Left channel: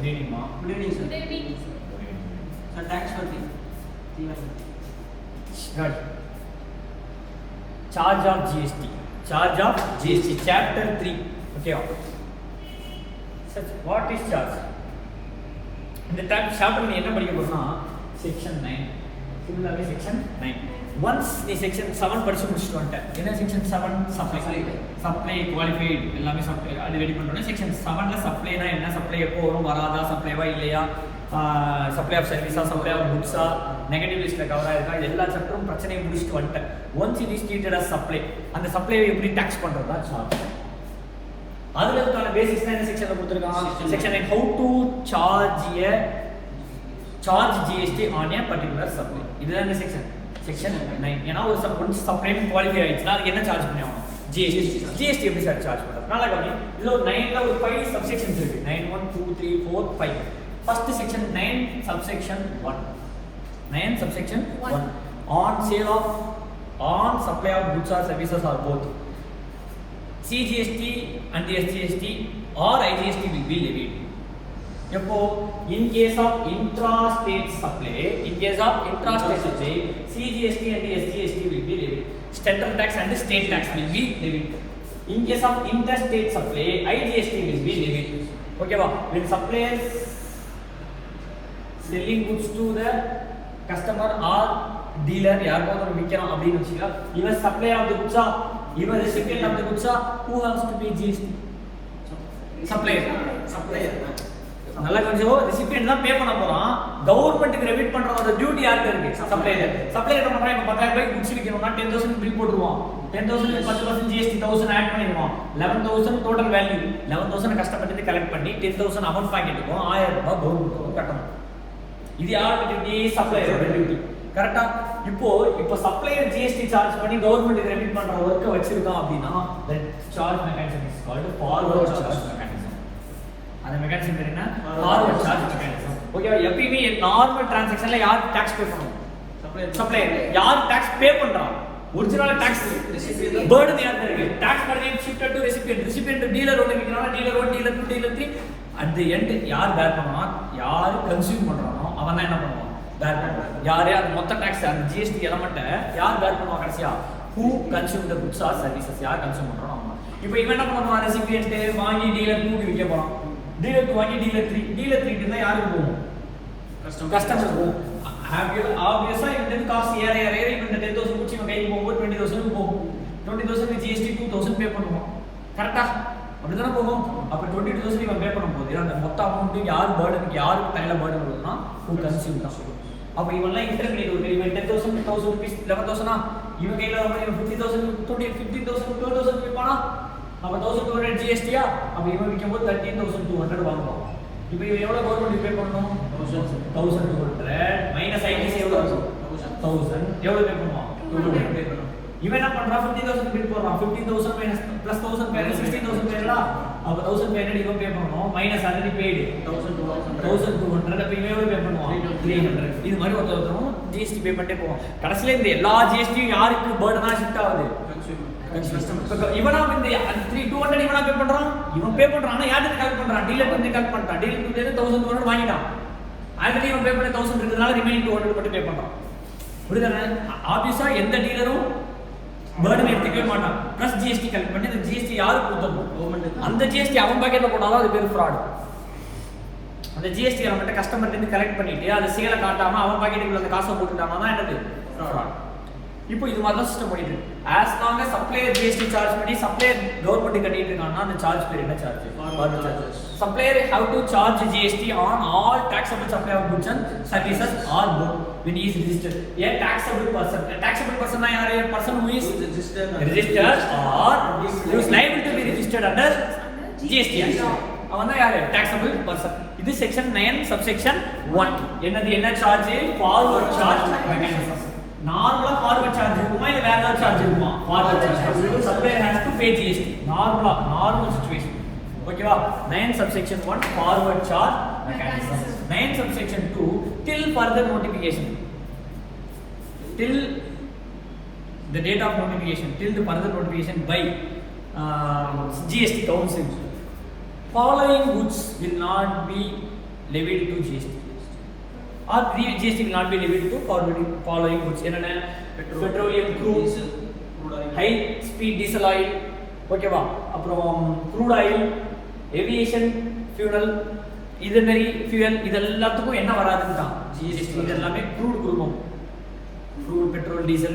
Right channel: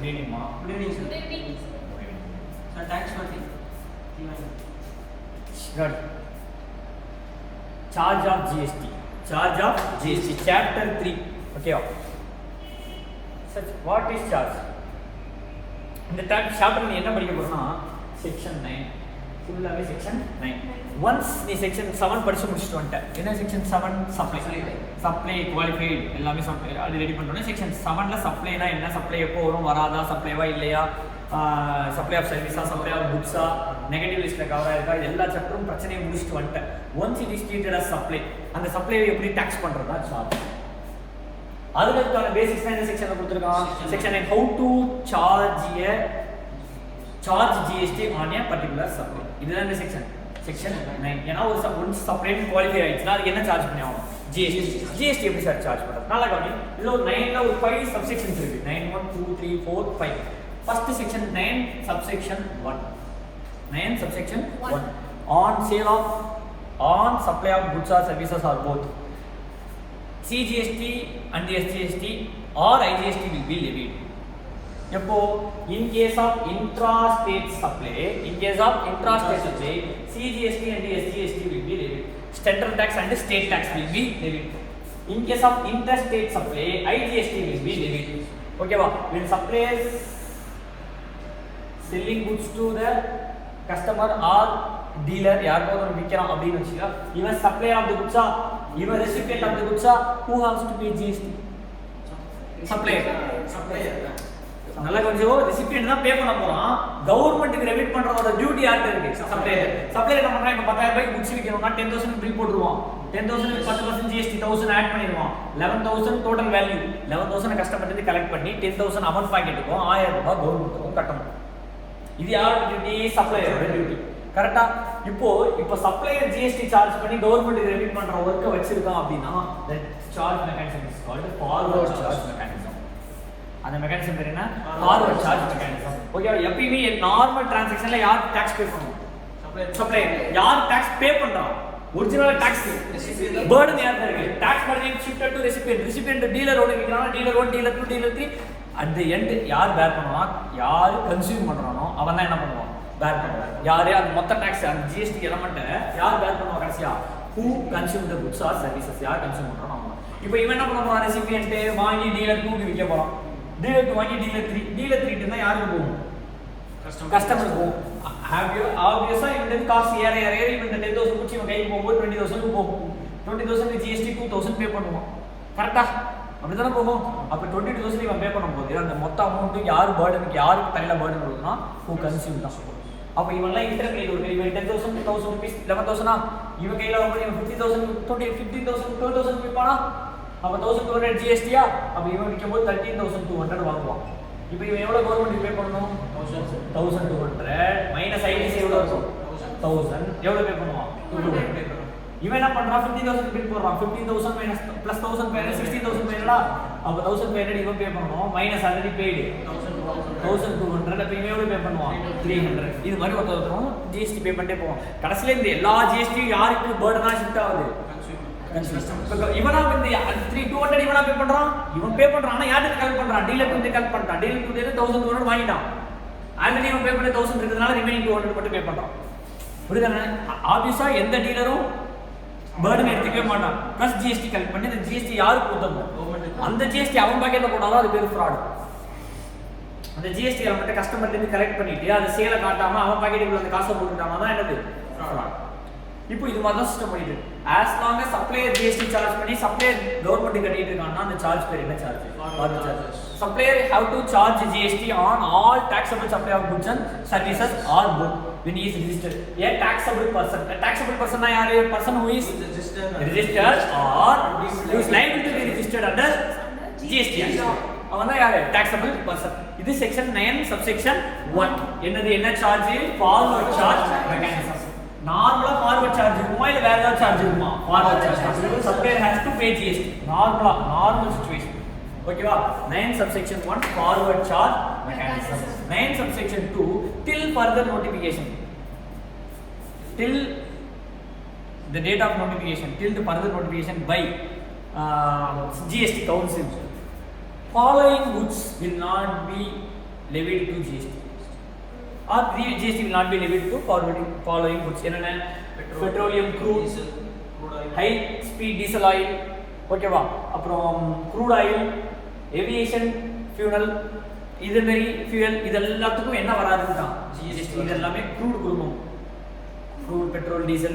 Good evening, ma. Good evening, sir. Good evening. Sir, thanks for the Good. Charge of GST. Charge of GST. Chapter 3. Okay. Such what is charge? இந்த chapter நீ என்ன படிக்க போறனா section 9 ஃபுல்லாவே section 9 once நீ section 7 படிச்சு முடிச்சிட்டு வந்துட்ட என்ன செக்ஷன் 7 சப்ளை குவாலிஃபைட் எல்லாமே சப்ளை அது ரெடி பண்ணோம் செக்ஷன் 7ல சப்ளைனா என்ன சப்ளை எப்போ வரும் வராதா சப்ளைவா இல்லையா சப்ளை ஆஃப் சர்வீஸா சப்ளை ஆஃப் குட்ஸா நெகட்டிவ் லிஸ்ட்ல கவர் ஆயிருக்கா எல்லா சாப்டரும் பிரச்சனையை முடிச்சிட்டு வந்துட்டேன் once it is treated as supply அந்த சப்ளையை எப்படி டாக்ஸ் பண்றதா சார்ஜ் அதுல இருக்கான பேசிக்ஸ் என்ன செக்ஷன்ல கொடுத்திருக்கான் section 9 how to charge GST on a particular supply இதுதான் இந்த செக்ஷன் 9 ஏனா ஒரு சப்ளை குவாலிஃபை ஆயிடுச்சுனா அதுக்கு என்ன சார்ஜ் பண்ணி ஆகணும் GST எப்படி சார் சார்ஜ் பண்றது நல்லா கவனி இதுல ஒரு 9ல ஒரு 5 சப்செக்ஷன்ஸ் இருக்கு 9 1 2 3 4 5 first section 9 subsection 1 subsection 1 on supply of goods or services or both CGST and the SGST or IGST will be levied. In case of intra-state supply, CGST and the SGST will be levied. Central tax and state tax will be levied. In case of interstate supply, IGST will be levied. Okay, when suppliers selling goods to the customer or dealer, யாருக்கோ ஒரு விற்கிறான் அப்படின்னு வச்சுக்கா, இவன் supplier of the goods ah even recipient of the goods who has to pay GST supplier நல்லா கொஞ்சம் recipient தான் பே பண்ண போறான் கவர்மெண்ட்க்கு remit பண்றதோட duty யார்ட்ட இருக்கு சப்ளையர் என்ன பண்றான் இப்ப 10000 ரூபாய்க்கு குட்ஸ் விக்கணும்னா 10000 பில் போட்டுருவான் 10000 க்கு 10% GST 1000 ஆட் பண்ணிடுவான் 11000 டோட்டல் வேல்யூ 11000 கஷ்டப்பட்டு கலெக்ட் பண்ணி 10000 அவன் பாக்கெட்டுக்கும் 1000 ரூபாய் கவர்மெண்ட்க்கு கட்டணும் இது யாரோட டியூட்டி சப்ளையரோட டியூட்டி கரெக்ட்டா இப்போ சப்ளையர் GST சார்ஜ் பண்ணி கவர்மெண்ட் ரெமிட் பண்ற வர்க்க வச்சிருக்கான் அப்படினா the charge mechanism is called forward charge mechanism அந்த மெக்கானிசம் பேர் என்ன forward charge mechanism ஓகே எப்பவுமே நார்மல் டிரான்சாக்ஷன்ல யார் டாக்ஸ் பே பண்ணுவாங்க சப்ளையர் யார் டாக்ஸ் பே பண்றான் ஒரிஜினல் டாக்ஸ் பர்டன் யார்ட்ட இருக்கு tax burden shifted to recipient dealer ஓட விக்கிறானா dealer 1 dealer 2 dealer 3 at the end யார் பேர் பண்ணுவான் யார் கன்சியூம் பண்றானோ அவன் தான் என்ன பண்ணுவான் பேர் பண்ணுவான் யாரே அந்த மொத்த டாக்ஸ் அந்த GST எலமெண்ட் யார் பேர் பண்ணுவாங்க கடைசியா who consume the goods or services யார் கன்சியூம் பண்றானோ அவன் இப்போ இவன் என்ன பண்ணுவான் ரெசிபியன்ட் வாங்கி டீலர் 2 க்கு விற்க போறான் டீலர் 2 வாங்கி டீலர் 3 க்கு தான் யாருக்கு போகும் கஸ்டமர் போகும் ஆப்வியஸா இந்த காஸ்ட் ஏற இந்த 10000 குச்சி இவன் கைக்கு போகும்போது 20000 போகும் 20000 க்கு GST 2000 பே பண்ணுவான் கரெக்ட்டா அப்படிதானே போகும் அப்ப 22000 இவன் பே பண்ணும்போது அந்த மொத்த அமௌண்ட் யார் பர்டன் யாருக்கு கையில பர்டன் வருதுன்னா who consume தான் அப்ப இவன்லாம் இன்டர்மீடியேட் ஒரு இவன் 10000 1000 rupees 11000 இவன் கையில வந்து 50000 15000 பே பண்ணா அப்ப 1200 GST அப்ப இவன் விக்கும்போது 13200 வாங்குவான் இப்போ இவன் எவ்வளவு கவர்மெண்ட் பே பண்ணனும் 1200 மைனஸ் ஐடிசி எவ்வளவு இருக்கும் 1000 எவ்வளவு பே பண்ணுவான் 200 பே பண்ணுவான் இவன் என்ன பண்றான் 50000 பில் போடுறான் 15000 மைனஸ் பிளஸ் 1000 மைனஸ் 16000 பேரா அப்ப 1500 இவன் பே பண்ணனும் மைனஸ் ஆல்ரெடி பெய்டு 1200 அப்ப இவன் எவ்வளவு பே பண்ணுவான் 300 இது மாதிரி ஒருத்தரும் GST பே பண்ணிட்டே போவான் கடைசில இந்த எல்லா GST யாருக்கு பர்டனா ஷிஃப்ட் ஆகுது கன்சியூமர் இவனா வந்து 200 இவனா பே பண்றான் இவன் பே பண்றான் ஆனா யாருக்கு கலெக்ட் பண்றான் டீலர் வந்து கலெக்ட் பண்ணிட்டான் டீலர் 1200 வாங்கிட்டான் ஆல்ரெடி இவன் பே பண்ண 1000 இருக்குதுனால ரிமைனிங் 200 மட்டும் பே பண்றான் புரியுதானே ஆபீஸா எந்த டீலரும் பர்டன் எடுத்துக்கவே மாட்டான் பிளஸ் GST கலெக்ட் பண்ணி இந்த GST யாருக்கு கொடுத்தோம் கவர்மெண்ட் அந்த GST அவன் பாக்கெட்ல போட்டாதான் அது பேர் ஃப்ராட் அந்த GST அவன்கிட்ட கஸ்டமர்ல இருந்து கலெக்ட் பண்ணிட்டு அது சேல காட்டாம அவன் பாக்கெட்டுக்குள்ள அந்த காசை போட்டுட்டானா தான் என்னது ஃப்ராட் இப்போ இது மாதிரி தான் சிஸ்டம் பண்ணிட்டு as long as supplier GST charge பண்ணி supplier கவர்மெண்ட் கட்டிட்டு இருக்கானா அந்த சார்ஜ் பேர் என்ன charge forward charge supplier have to charge GST on all taxable supply of goods and services or both when he is registered a taxable person na yaar a person who is registered or who is liable to be registered under GST அவன் தான் யாரு taxable person இது section 9 subsection 1 என்ன charge forward charge mechanism நார்மலா forward charge இருக்குமா இல்ல வேற ஏதாவது சார்ஜ் இருக்குமா forward charge supplier has to pay GST normal situation ஓகேவா 9 subsection 1 forward charge mechanism 9 subsection 2 till further notification till the date of notification till the further notification by GST council following goods will not be levied to GST. Or GST will not be levied to following goods. என்னென்ன? Petroleum crude, high speed diesel oil, ஓகேவா? அப்புறம் crude oil, aviation fuel, இது மாதிரி fuel இதெல்லாத்துக்கும் என்ன வராதுன்னு தான் GST. இது எல்லாமே crude குடும்பம். crude, petrol, diesel,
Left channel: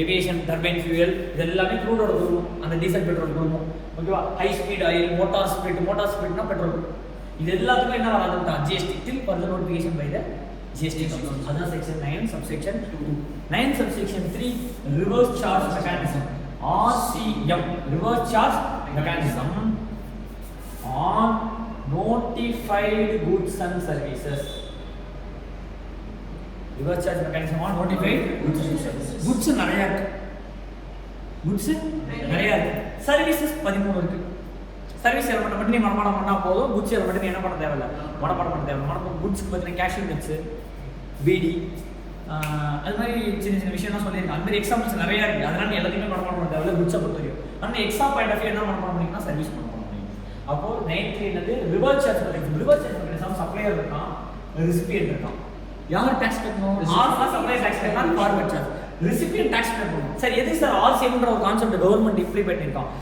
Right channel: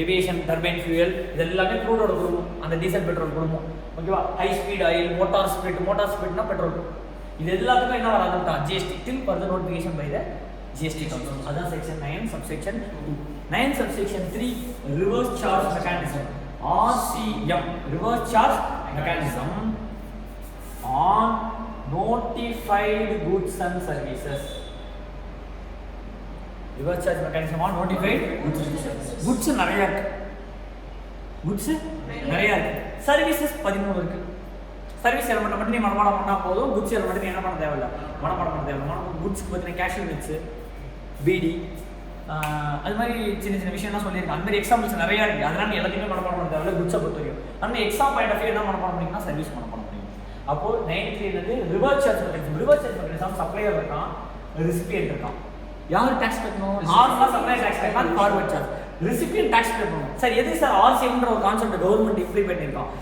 aviation, turbine fuel இது எல்லாமே crude ஓட குடும்பம். அந்த diesel petrol குடும்பம். ஓகேவா? high speed oil, motor speedனா petrol. இது எல்லாத்துக்கும் என்ன வராதுன்னு தான் GST till further notification by the GST comes. Other section 9 subsection 2. 9 subsection 3 reverse charge mechanism. RCM reverse charge mechanism on notified goods and services. Reverse charge mechanism on notified goods and services. Goods நிறைய இருக்கு. Goods நிறைய இருக்கு. Services 13 இருக்கு. Service element மட்டும் நீ மனப்பாடம் பண்ணா போதும். குட்ஸ் எலமெண்ட் நீ என்ன பண்ண தேவையில்ல, மனப்பாடம் பண்ண தேவையில்ல. குட்ஸ்க்கு பார்த்தீங்கன்னா கேஷ்யூ நட்ஸ், பீடி, அது மாதிரி சின்ன சின்ன விஷயம்லாம் சொல்லியிருக்கேன். அந்த மாதிரி எக்ஸாம்பிள்ஸ் நிறையா இருக்குது. அதனால நீ எல்லாத்தையுமே மனப்பாடம் பண்ண தேவையில்ல. குட்ஸை பொறுத்த வரைக்கும் அந்த எக்ஸாம் பாயிண்ட் ஆஃப் என்ன மனப்பாடம் பண்ணிங்கன்னா சர்வீஸ் மனப்பாடம் பண்ணணும். அப்போது 9 என்னது reverse charge mechanism. Reverse charge mechanism supplier இருக்கான், ரெசிபியன்ட் இருக்கான். யார் டாக்ஸ் கட்டணும்? ஆர்லாம் சப்ளையர் டாக்ஸ் கட்டணும், forward charge. Recipient tax pay பண்ணணும். சார் எது சார் ஆர்சிஎம்ன்ற ஒரு கான்செப்ட் கவர்மெண்ட் இம்ப்ளிமெண்ட் பண்ணியிருக்கான்.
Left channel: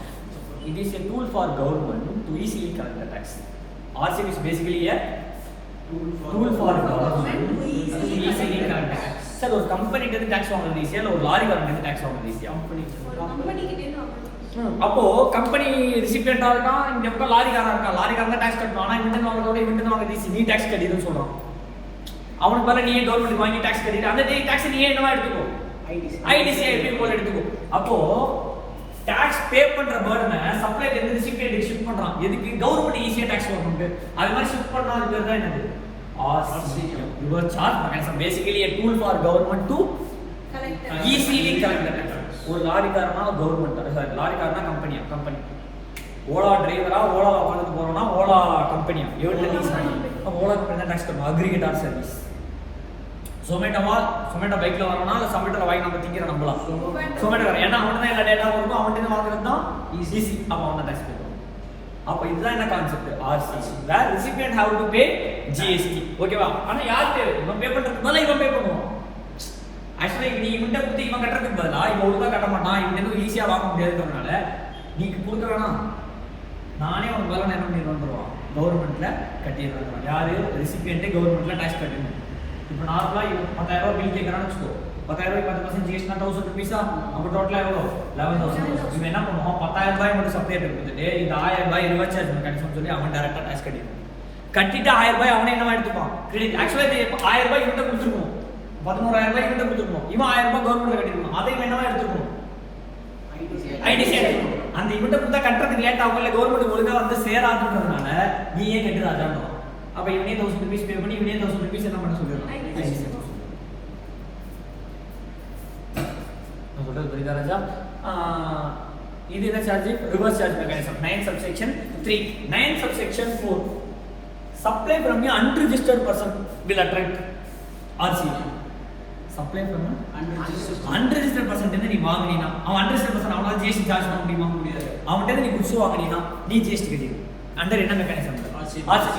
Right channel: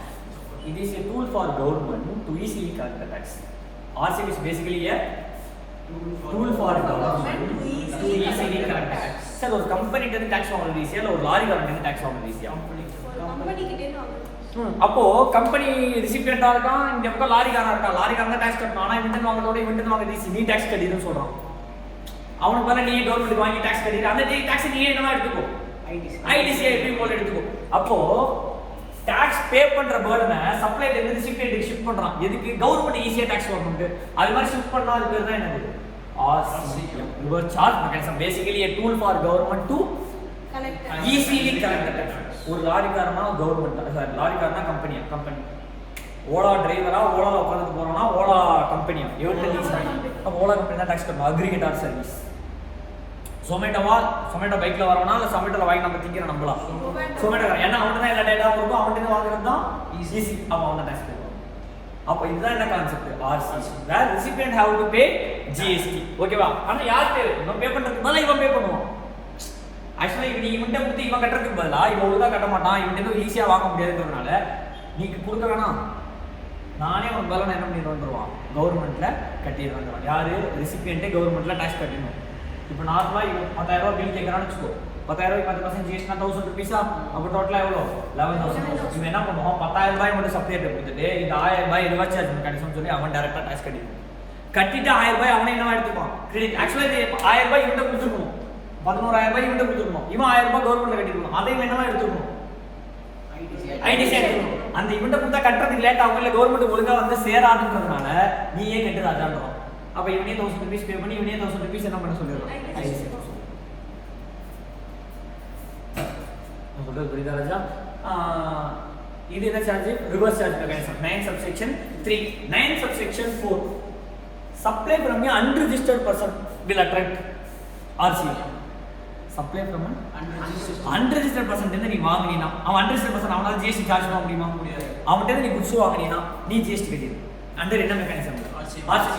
It is a tool for government to easily collect the tax. RCM is basically a tool for government to easily collect the tax. Sir, ஒரு கம்பெனிட்ட இருந்து tax வாங்குறது ஈஸியா இல்ல ஒரு லாரி காரன்ட்ட இருந்து டாக்ஸ் வாங்குறது ஈஸியா? அப்போ கம்பெனி ரெசிபியண்டா இருக்கான், இந்த பக்கம் லாரி காரன் இருக்கான். லாரி காரன் தான் டாக்ஸ் கட்டணும். ஆனா இவன் வாங்குறதோட இவன் வாங்குறது ஈஸி. நீ டாக்ஸ் கட்டிடுன்னு சொல்றான். அவனுக்கு மேல நீ கவர்மெண்ட் வாங்கி டாக்ஸ் கட்டிட்டு அந்த டாக்ஸ் நீ என்னவா எடுத்துக்கோ, ஐடிசி போல எடுத்துக்கோ. அப்போ டாக்ஸ் பே பண்ற பர்டனை சப்ளைல இருந்து ரெசிபியன்ட்க்கு ஷிஃப்ட் பண்றான். எதுக்கு? கவர்மெண்ட் ஈஸியா டாக்ஸ் வரணும்னு. அது மாதிரி ஷிஃப்ட் பண்ணா அது பேர் தான் என்னது? RCM, reverse charge mechanism. Basically a tool for government to easily collect the tax. ஒரு லாரிக்காரனா கவர்மெண்ட், சாரி லாரிக்காரனா கம்பெனி. ஓலா டிரைவரா ஓலா உட்காந்துட்டு போறோம்னா ஓலா கம்பெனியா எவ்வளவு யூஸ் பண்ணி அப்போ ஓலா கம்பெனி தான் டாக்ஸ் கட்டணும். Aggregator service. சொமேட்டோ பைக்ல வரணும்னா அந்த சொமேட்டோல வாங்கி நம்ம திங்கிற நம்பலாம். சொமேட்டோ ஏன்னா அவன் தான் எல்லா டேட்டா கொடுக்கும், அவன்கிட்ட வாங்குறது தான் ஈஸி. அப்போ அவன் தான் டாக்ஸ் கொடுக்கணும். அப்போ இதுதான் என்ன concept? RCM. Where recipient have to pay GST. ஓகேவா? ஆனா யார் பே? இவன் பே பண்றதுக்கு பதிலா இவன் பே பண்ணுவான். ஆக்சுவலி நீ இவன்ட்ட கொடுத்து இவன் கட்டுறதுக்கு பதிலா இவன் ஒழுங்கா கட்ட மாட்டான், இவன் ஈஸியா வாங்க முடியாதுன்றதுனால நீ கொடுக்க வேணாம், நானே உனக்கு பதிலாக என்ன பண்ணி வந்துடுவான், கவர்மெண்ட்ல கட்டிடுவாங்க. யாரு? ரெசிபியன்ட்டே கவர்மெண்ட்ல டாக்ஸ் கட்டணும். இப்போ நார்மலாக 10,000 ரூபா பில் கேட்கறான்னு வச்சுக்கோ. 10,000 ரூபாய் 10% ஜிஎஸ்டினா 1000 ருபீஸா? அப்போ டோட்டலாக எவ்வளோ? 11,000. இவன் என்ன பண்ணுவோம்? 10,000 ரூபாய் மட்டும் சப்ளையர் கொடுத்துட்டு இந்த 1000 ரூபாய் ரிவர்ஸ் சார்ஜ் மெக்கானிசம் சொல்லி அவன் டேரக்டாக டாக்ஸ் கட்டிடுவான். கட்டிட்டு 1000 ரூபாய் அவனே என்னவா எடுத்துப்பான்? கிரெடிட். ஆக்சுவலாக இது 1000 ரூபாய் இவன்ட்ட கொடுத்துருக்கணும், 11,000 ரூபாய் இவன்ட்ட கொடுத்துருக்கணும். இவன் 1000 ரூபாய் கவர்மெண்ட்ல கட்டிருக்கணும். அதை இவன் என்னவா எடுத்துக்கணும்? ஐடிசி எடுத்துக்கணும். அந்த இவன்ட்ட கொடுத்தா கட்டுறதுக்கு லேட் ஆகும், இல்லை கவர்மெண்ட் ஒழுங்கா வந்து சேராதுன்றதுனால நீயே கட்டு ராஜான்றதான். அப்ப இவனே 1000 rupees பே பண்ணி இவனே 1000 rupees என்ன பண்ண சொல்லிடுறான்? சொல்றது புரியுதா ராஜா? இது என்ன charge? Reverse charge mechanism. 9 subsection 3. 9 subsection 4. Supply from an unregistered person will attract RCM. Supply from an unregistered person நீ வாங்குனீனா, அவன் unregistered person அவனால GST சார்ஜ் பண்ண முடியுமா? முடியாது. அவன்கிட்ட நீ குட்ஸ் வாங்குனீனா நீ GST கட்டிடு. அண்டர் என்ன மெக்கானிசம்?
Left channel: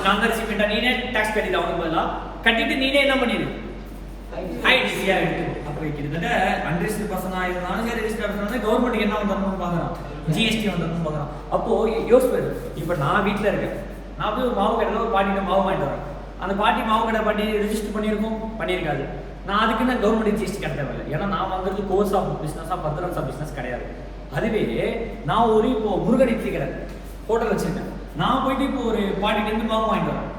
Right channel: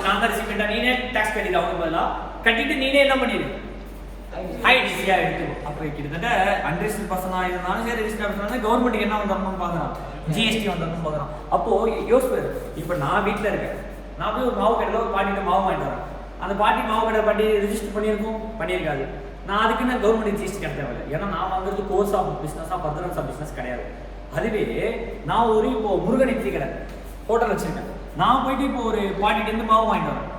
நாங்க ரெசிபியன்ட்டா நீனே டாக்ஸ் கட்டிடு. அவனுக்கு பதிலா கட்டிட்டு நீனே என்ன பண்ணிடு? ஐடிசியா எடுத்துக்கோ. அப்போ கிட்டத்தட்ட அன்ரெஜிஸ்டர்ட் பர்சனா இருந்தாலும் சரி, ரெஜிஸ்டர்ட் பர்சனா கவர்மெண்ட்டுக்கு என்ன வந்துடணும்னு பார்க்குறான், ஜிஎஸ்டி வந்துடணும்னு பார்க்குறான். அப்போ யோசிப்பாரு, இப்போ நான் வீட்டில் இருக்கேன், நான் போய் ஒரு மாவு கடையில் ஒரு பாட்டிகிட்ட மாவு வாங்கிட்டு வரேன். அந்த பாட்டி மாவு கடை பாட்டி ரெஜிஸ்டர் பண்ணியிருக்காது. நான் அதுக்கு நான் கவர்மெண்ட் ஜிஎஸ்டி கட்ட தேவையில்லை. ஏன்னா நான் வந்துட்டு கோர்ஸ் ஆஃப் பிஸ்னஸாக பர்தரன்ஸ் ஆஃப் பிஸ்னஸ் கிடையாது. அதுவே நான் ஒரு இப்போ முருகன் இட்லி கடை ஹோட்டல் வச்சிருக்கேன். நான் போயிட்டு இப்போ ஒரு பாட்டிகிட்டேருந்து மாவு வாங்கிட்டு வரேன்.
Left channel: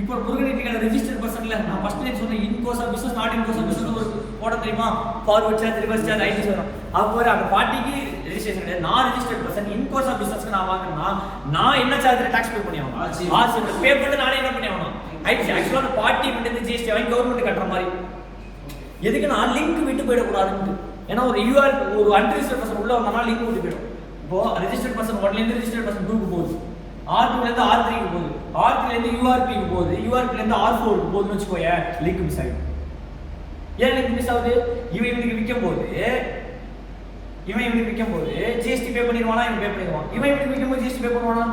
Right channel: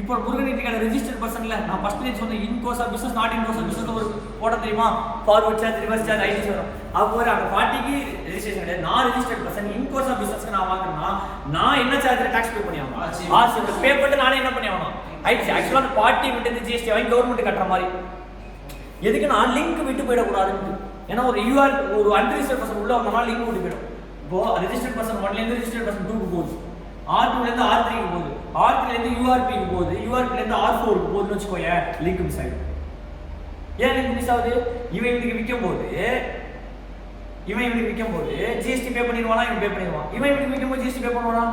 இப்போ முருகன் இட்லி கடை ரெஜிஸ்டர்ட் பர்சன்ல நான் ஃபர்ஸ்ட் லைன் சொன்னேன், in course of business not in course of business ஒரு போட தெரியுமா? Forward charge, reverse charge, ITC வரும். அப்போ அந்த பாட்டிக்கு ரெஜிஸ்ட்ரேஷன் கிடையாது. நான் registered person in course of பிஸ்னஸ்க்கு நான் வாங்கினா நான் என்ன சார்ஜ் டாக்ஸ் பே பண்ணி ஆகணும். ஆர்சி பே பண்ணிட்டு நானே என்ன பண்ணி ஆகணும்? ஐடிசி. ஆக்சுவலாக அந்த பார்ட்டி மட்டும் ஜிஎஸ்டி வாங்கி கவர்மெண்ட் கட்டுற மாதிரி. எதுக்கு நான் லிங்க் விட்டு போயிடக்கூடாதுன்னு. ஏன்னா ஒரு யூஆர் ஒரு அன்ரிஜிஸ்டர்ட் பர்சன் உள்ள வந்தோம்னா லிங்க் விட்டு போயிடும். இப்போ ரெஜிஸ்டர்ட் பர்சன் 1லேருந்து ரெஜிஸ்டர்ட் பர்சன் 2க்கு போகுது, R2லேருந்து R3க்கு போகுது, R3லேருந்து URPக்கு போகுது, URPலேருந்து R4க்கு போகுதுன்னு வச்சுக்கோங்க, லிங்க் மிஸ் ஆகிடும். ஏன் லிங்க் மிஸ் ஆகுது? இவன் இவனுக்கு விற்கும் போது ஜிஎஸ்டி பே பண்ணிடுவானா? இவன் பே பண்ணிடுவான். இவன் இவனுக்கு விற்கும் போது ஜிஎஸ்டி பே பண்ணுவானா?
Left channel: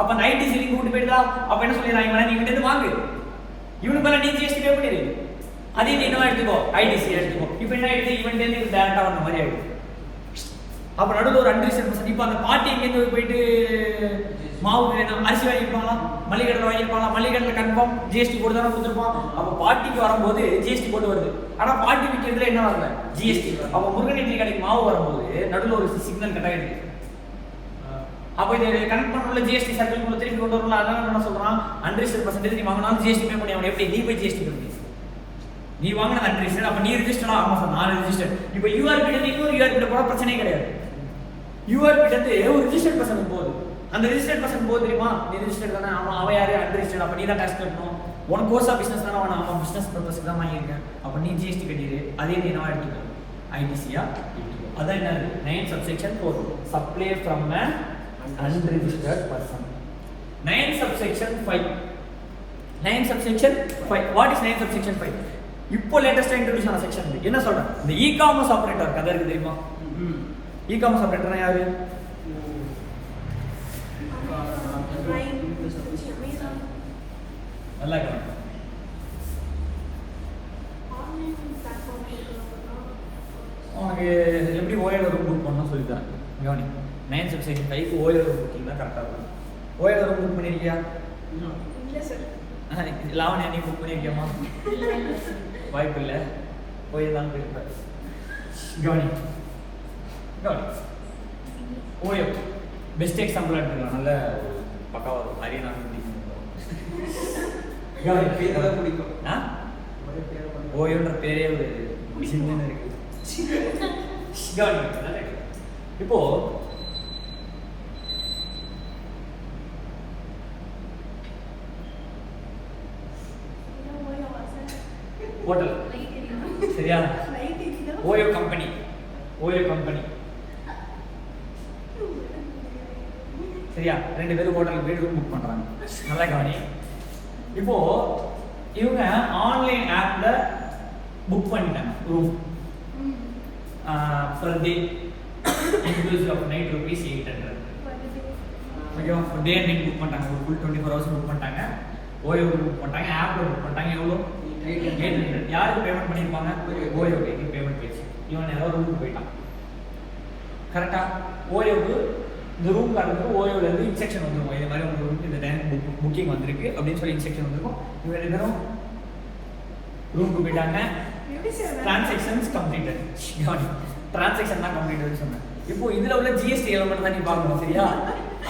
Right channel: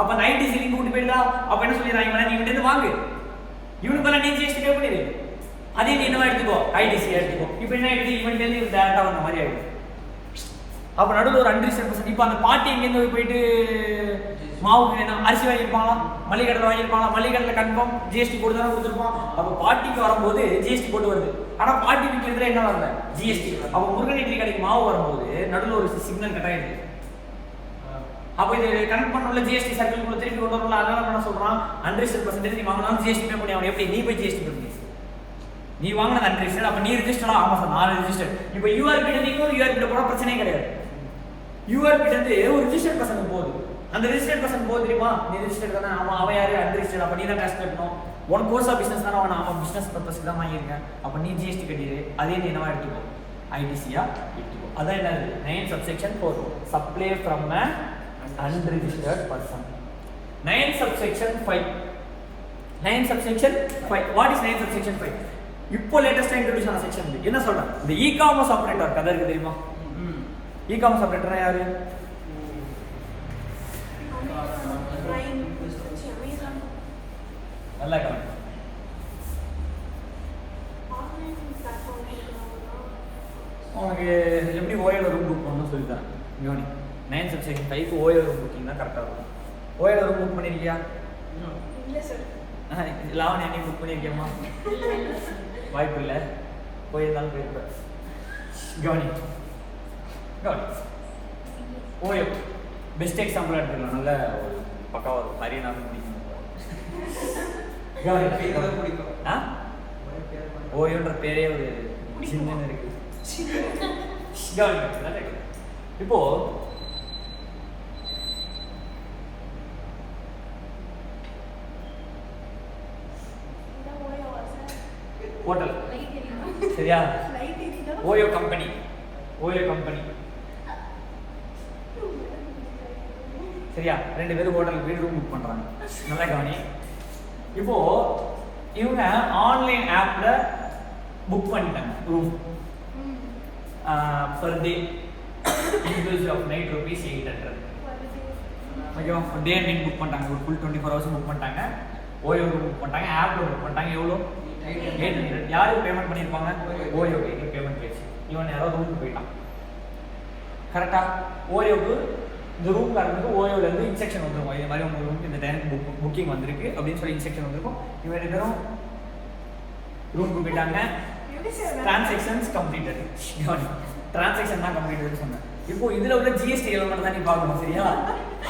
அப்போ 90 லிங்க் விட்டு போயிடலாம். அப்போ என்ன சொல்லிடுறான்? இவன் இவன்ட்டு வாங்கு, இவனுக்கு மேல நீ ஜிஎஸ்டி பே பண்ணிடு. அதே நீ என்ன எடுத்துக்கோ, ஐடிசி எடுத்துக்கோ. இப்போ என்ன ஆயிடுது, இவன்ட்ட இருந்து இது டைரக்டா வந்த மாதிரி ஆயிடுது. அப்ப நடுவில் ஒரு அன்ரிசர்வ். இப்போ அந்த பாட்டி எங்க போயிட்டு மாவு வேணும், அரிசி வாங்கிப்பாங்களா, மல்லிகடலை வாங்கிப்பாங்களா, மல்லிகடலை கன்ஃபார்ம் ஜிஎஸ்டி போட்டு தானே கொடுத்துருப்பான். அப்போ பாட்டிக்கு வரும்போது ஜிஎஸ்டி போட்டு வருது. ஆனா பாட்டி விற்கிறது என்ன வரல, ஜிஎஸ்டி. அப்போ முருகன் இட்லி கடைக்கு மாவு வரும்போது நடுவில் ஒரு சிக்னல் கட் ஆகிடுது. அப்போ இது கனெக்ட் பண்ணல ஜிஎஸ்டி சர்க்கிள் திருப்பி கொண்டு வரணும். அதனால என்ன சொல்றான், அன்ரிசர்வ் பர்சன்டேஜ் நீ வாங்கினாலும் ஜிஎஸ்டி பே பண்ணி. அவன் எப்படி நீ போய் ஜிஎஸ்டி பண்ணி நீ வாங்கினது அன்ரிஜிஸ்டர். அப்ப நீ ரிஜிஸ்டரா? ஆமா சார் நான் ரிஜிஸ்டர். இப்போ யூஆர்பி இன்னொரு யூஆர்பி போட பிரச்சனையே கிடையாது. யூஆர்பி வந்து ஒரு ரிஜிஸ்டர்ட் பர்சன் போகுது. அந்த ரிஜிஸ்டர்ட் பர்சன் போகுது தெரியுமா, நீ ரிஜிஸ்டர் தானே, அவன் யாரு அன்ரிஜிஸ்டர்ட். அப்ப நீ தான் டாக்ஸ் கட்டணும். உன் கோர்ஸ் ஆஃப் பிசினஸ் தானே, அவன் பிசினஸ் பர்பஸ்க்கு தான் வாங்கியிருக்கேன். அப்ப நீ ஜிஎஸ்டி கட்டிடு. அதே நீ என்ன எடுத்துக்கோ, ஐடிசியா எடுத்துக்கோ. அதான் என்னது 9 subsection 4 supply from an unregistered person. 9 subsection 5 9 subsection 5 what is 9 subsection 5? இப்போ லேட்டஸ்டா இன்ட்ரோ듀ஸ் ஆன செக்ஷன் என்ன சொல்றேன், இந்த இ-காமர்ஸ் ஆபரேட்டர் கதை இருக்கு தெரியுமா? இ-காமர்ஸ் ஆபரேட்டர்னா யாரு? நல்லா கவனி. உனக்கு எப்படி ஓஎல் ரூம் புக் பண்ணணும் சொல்லி தரேன். கவனி 9 subsection 5 ஓஎல் ரூம் புக்கிங் தான் கரெக்டாக இருக்கும். ஓஎல் ரூம் புக் பண்ணிருக்கியா? லாவணி நீ புக் பண்ணிருக்கியாமா? வாய்ப்பு இல்லை, போயிருந்தாலும் போயிருப்பேன். கவனி கவனி ஓயோ பெஸ்ட் எக்ஸாம்பிள் எடுத்துக்கலாம். நல்ல ஒரு பக்காவாக இருக்கும். நிறைய நாள் பிடிக்கும். ஓயோன்ற பேரே ஒரு சின்ன இருக்கு. இப்போ ஹோட்டல் சரியா, ஓயோ கம்பெனி, ஓயோ கம்பெனி சரியா, 2 பேரும் ஹோட்டல் போய் ரூம் புக் பண்றாங்க. நல்லா கவனி. இப்போ இவங்க ஆன்லைன் ஆப்ல புக் பண்ணிட்டாங்க room. per day inclusive of night ₹800. ஓகேவா, டே அண்ட் நைட் புக் பண்ணிட்டாங்க. ஒரு ஃபுல் 24 hours புக் பண்ணிட்டாங்க. ஓயோ புக் பண்ணிட்டாங்க, ஆப்ல புக் பண்ணிட்டாங்க. எவ்வளோ? 800. யாருக்கு பேமெண்ட் பண்ணியிருப்பாங்க? ஓயோக்கு பேமெண்ட் போயிடுச்சு. இவன் யாரோ ரூமுக்கு போயிட்டான். கரெக்டா? ஓயோக்கு இந்த ரூம் காரங்களுக்கு ஓயோலேருந்து இன்ஸ்ட்ரக்ஷன் வந்துருக்கும். இந்த மாதிரி உங்கள் ரூமுக்கு இந்த டைம் புக்கிங் வந்திருக்கு அப்படின்னு சொல்லி இன்ஸ்ட்ரக்ஷன் வந்திருக்கும். இவங்க 2 பேரும் ரூமுக்கு போயிட்டாங்க. Transactions completed. டிரான்சாக்ஷன் தான் கம்ப்ளீட்டட் சொன்னேன். இப்போ இதுல உள்ள ஜிஎஸ்டி எலிமெண்ட் தான் நீ பார்க்கணும். சரியா,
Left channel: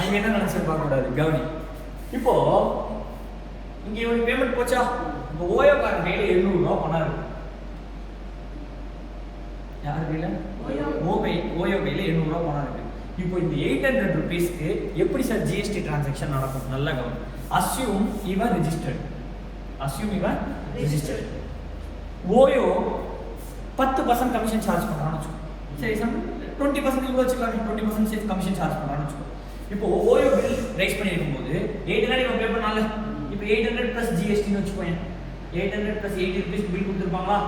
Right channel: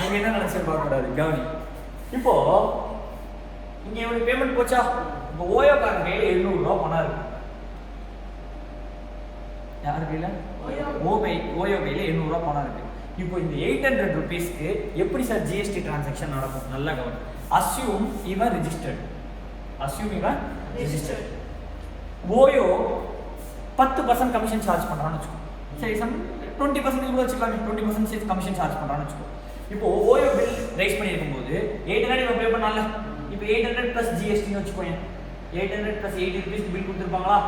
அங்க என்ன நினைச்சு பார்க்க கூடாது. கவனி. இப்போ இங்க இவனுக்கு பேமெண்ட் போச்சா? இப்போ ஓயோ காரன் கையில ₹700 பணம் இருக்கு. யார் கையில? ஓயோ கையில ₹700 பணம் இருக்கு. இப்போ இந்த ₹800க்கு எப்படி சார் ஜிஎஸ்டி டிரான்சாக்ஷன் நடக்கும்? நல்லா கவனி. அஸ்யூம் இவன் ரெஜிஸ்டர்ட். அஸ்யூம் இவன் ரெஜிஸ்டர்ட். ஓயோ 10% கமிஷன் சார்ஜ் பண்றான்னு வச்சுக்கோ. சரி, 20% இவ்வளோ வச்சுக்கலாம். 20% கமிஷன் சார்ஜ் பண்றான்னு வச்சுக்கோ. இப்போ ஓயோ பில் ரைஸ் பண்ணிருக்கும் போது 800 இவன் பே பண்ணால. இப்போ 800 + ஜிஎஸ்டின்னு வச்சுக்கோங்க. 800 + ₹80 பில் கொடுத்துருப்பாங்களா?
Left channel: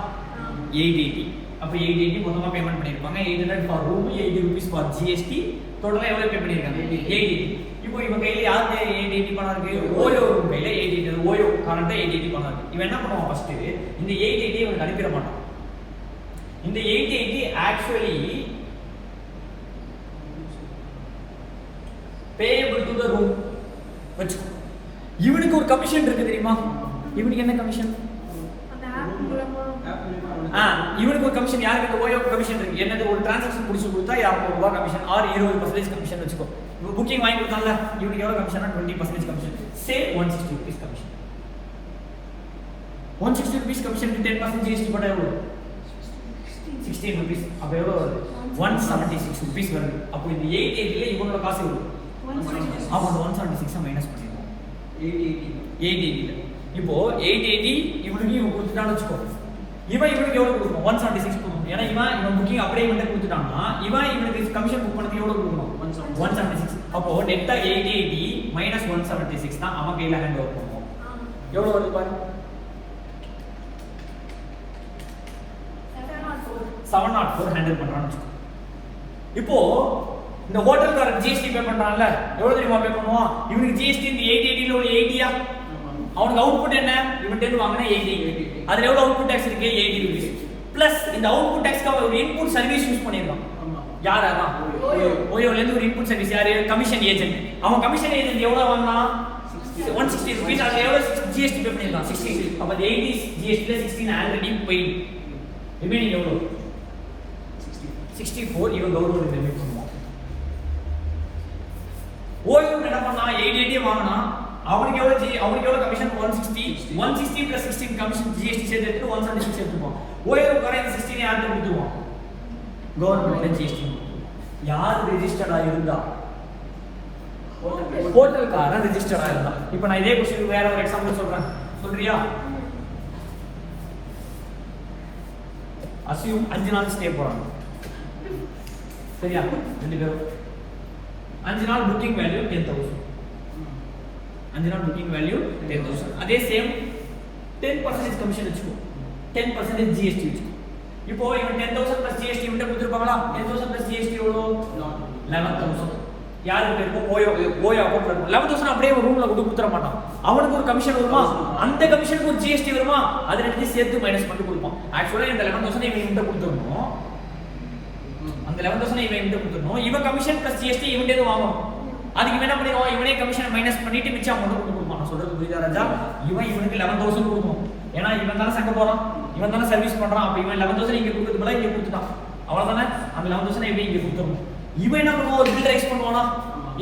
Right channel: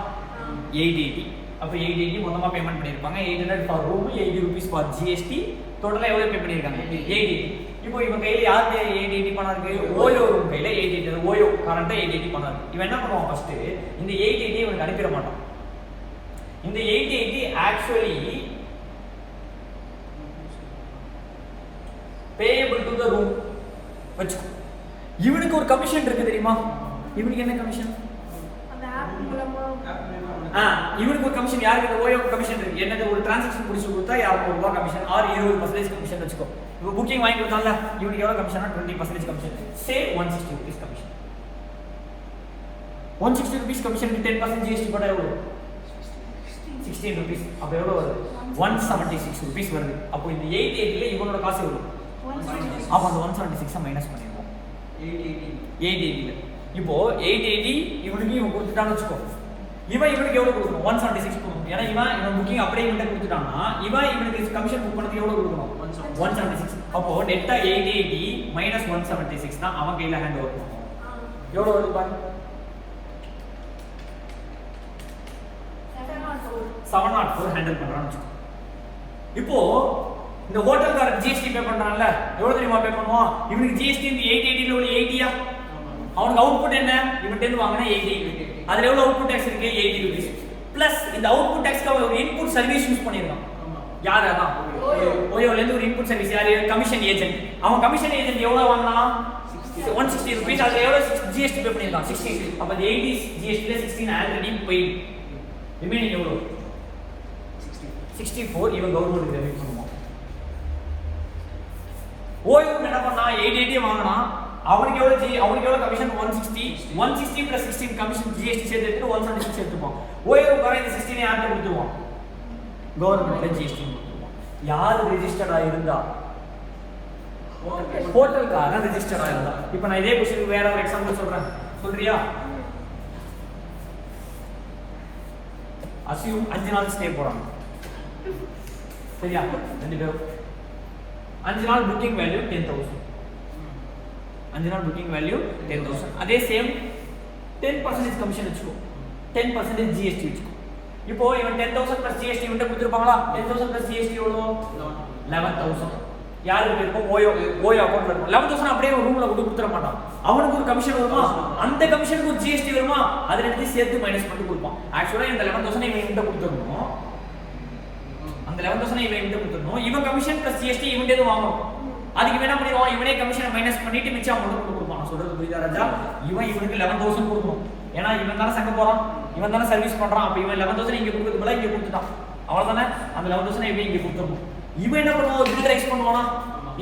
880. அப்போ 880 மொத்தமாக பேமெண்ட் பண்ணியிருப்பாங்க. 800 ஃபார் ரூம், ₹80 ஃபார் ஜிஎஸ்டி. டோட்டலாக எவ்வளோ பே பண்ணியிருக்காங்க? 880. இப்போ இவன் கையில் யாருக்கு 880 பணம் இருக்கு? ஓயோ ரூம் கையில் 880. ஓயோ கரண்ட்டாக 880 பணம் இருக்கு. இவன் என்ன பண்ணுவான்? ஃபர்ஸ்ட் இந்த 880 இவனுக்கு அனுப்பிட மாட்டான். இந்த 880 actually payable to the room வச்சுக்கோ. இவனுக்கு ஒரு கமிஷன் இருக்கு தெரியுமா? இவனுக்கு என்ன கமிஷன்? இவனுக்கு ஒரு கமிஷன். யாருக்கு? ஓயோ கமிஷன் இருக்கு. என்னது? ஒரு டிரான்சாக்ஷன் முடிச்சு கொடுத்தா ₹200 கமிஷன் ஆர் 20% கமிஷன் வச்சுக்கோ. இப்போ புக்கிங் வாங்கி கொடுத்தால இவனுக்கு எவ்வளவு கமிஷன்? 20% கமிஷன். சே ₹160 கமிஷன். ₹160 கமிஷனுக்கு 10% ஜிஎஸ்டி போட்டா எவ்வளவு? ₹16. அப்ப எவ்வளவு வருது? ₹176 வருது. அப்போ இந்த 880ல இவனோட காசு எவ்வளவு? அப்போ அந்த 176 மைனஸ் பண்ணிடுவோம். 880. இப்போ 880 இவனுக்கு இவன் கொடுத்துட்டான்னு வச்சுக்கோ. இவனுக்கு எவ்வளவு கொடுக்கணும்? 176 கொடுக்கணும். ஏன்னா இவன் புக்கிங் அப்படியே இவன்கிட்ட கொடுத்துட்டான்னா இவனுக்கு கமிஷன் புக் பண்ணதுக்கு எவ்வளவு கொடுக்கணும்? 176. அப்போ நெட்டா 880 மைனஸ் 176 தான் அவன் கையில ஹேண்ட் ஓவர் பண்ணுவோம். எவ்வளவு வருது பாரு? 704 ஹேண்டில் பண்றான்னு வச்சுக்கோ. இப்போ இந்த ஹோட்டல்காரன் ஜிஎஸ்டி பே பண்றான்ல, எவ்வளவு தெரியுமா பே பண்ணுவான்? இவனுக்கு ஜிஎஸ்டி இந்த 880ல ஒரு 80யா? அவனுக்கு அவுட்புட் என்ன இவன்கிட்ட வாங்கினா 80. அதுல எவ்வளவு அவுட்புட் டாக்ஸ் இருக்கு 80 rupees. பிளஸ் இந்த அவுட்புட் டாக்ஸ்க்கு ஒரு இன்புட் சர்வீஸ் யூஸ் பண்ணிருக்கான். யார் அதான் ஓயோல இருந்து ஒரு இன்புட் சர்வீஸ் யாரு கமிஷன் ஏஜென்ட். அவன் கமிஷன் ஏஜென்ட் எவ்வளவு வாங்கினா 160 rupees. அதுல எவ்வளவு ஜிஎஸ்டி பே பண்ணிருக்கான் 60. அப்ப 80 ஜிஎஸ்டி ல 16 ஆல்ரெடி பெய்ட். ரிமைனிங் எவ்வளவு 64 இவன் கவர்மெண்ட் ரெமிட் பண்ணுவான். ஓயோ என்ன பண்ணா 88 வாங்கினா அவனுக்கு எவ்வளவு கமிஷன் 160 plus 16 கமிஷன் ஜிஎஸ்டி சேர்த்து 176 எடுத்துப்பான். ஓயோ காரன் 16 யாருக்கு கொடுத்துவான் கவர்மெண்ட் ஜிஎஸ்டி கொடுத்துவான். யார் ரெஜிஸ்டர்டா இருந்தா ஹோட்டல்காரன் ரெஜிஸ்டர்டா இருந்தா. இப்போ நான் இதே क्वेश्चन வேற ஒரு எக்ஸாம்பிள் சொல்றேன், சொல்றியா? அசியூம் 5 நாள் ஸ்டே போறாங்க, சரியா? ரெண்டு பேரும் 5 நாள் புக்கிங் வேல்யூ 10,000. 5 நாள் புக்கிங் வேல்யூ 10,000. அதே சேம் 10% கமிஷன் வச்சுக்கோ, 10% ஜிஎஸ்டி வச்சுக்கோ. இப்போ இவன் 10,000 plus ஜிஎஸ்டி வந்து கொடுத்துருப்பாங்களா? 10,000 plus ஜிஎஸ்டி எவ்வளவு 11,000. யாருக்கு இருக்கும்? ஓயோ அக்கௌண்ட்ல இருக்கும். 11,000 அப்படியே ஒரு ரூம்ல கொடுத்துற மாட்டான். அவனுக்கு ஒரு கமிஷன் வருமா, அந்த கமிஷனுக்கு ஒரு ஜிஎஸ்டி வருமா, அது ரெண்டு சேர்த்து மைனஸ் பண்ணி கொடுப்பான். ஆக்சுவலா இந்த 11,000 இவன் கிட்ட கொடுத்துறணும், அந்த 11,000 இவன் கிட்ட கொடுத்துறணும். இவன் கமிஷன் பிளஸ் ஜிஎஸ்டி இவன் கிட்ட வாங்கணும். அதுக்கு என்ன பண்ணிடுவான், இவனே கமிஷனை மைனஸ் பண்ணிட்டு மிச்சம் அமௌண்ட் கொடுப்பான். நான் சொல்றது புரியுதா ராஜா? இவனுக்கு 11,000 கொடுக்கணும். ஏன்னா இவன் தானே சங்க போறான், இவன் தானே சர்வீஸ் பண்றான். அப்ப இவன் 11,000 இங்க கொடுக்குறது போல இங்க கொடுத்துட்டான், அவ்வளவுதானே? அந்த 11,000 இவன் இங்க கொடுத்துடணும். இவன் என்ன பண்ணுவான், ஒரு பில் ரைஸ் பண்ணுவானா?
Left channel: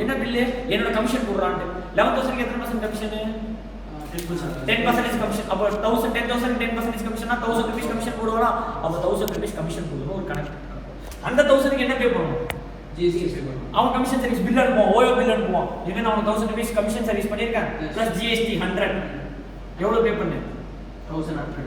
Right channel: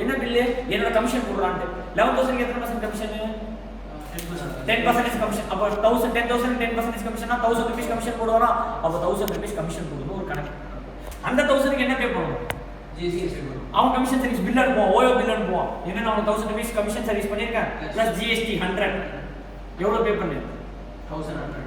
என்ன பில்லு? என்னோட கமிஷன் போடுறான். 11,000 எத்தனை பர்சன்ட் கமிஷன்? 10% கமிஷன். அப்ப 10,000 10% கமிஷனா 1,000 rupees கமிஷன் போடுவானா? அப்ப 1,000 rupees கமிஷன் போடுவோம் ஒரு கணக்கு. அந்த 1,000க்கு என்ன பே பண்ணணும்? ஜிஎஸ்டி. அவன் கமிஷன் சர்வீஸ் பில் அனுப்புவான், ஓயோ பில் அனுப்புவான். இவன் அவன் 1,000 rupees கமிஷன் சர்வீஸ் பண்ணிருக்கேன் பிளஸ் ஜிஎஸ்டி 100. எவ்வளவு பே பண்ணு? 1,100.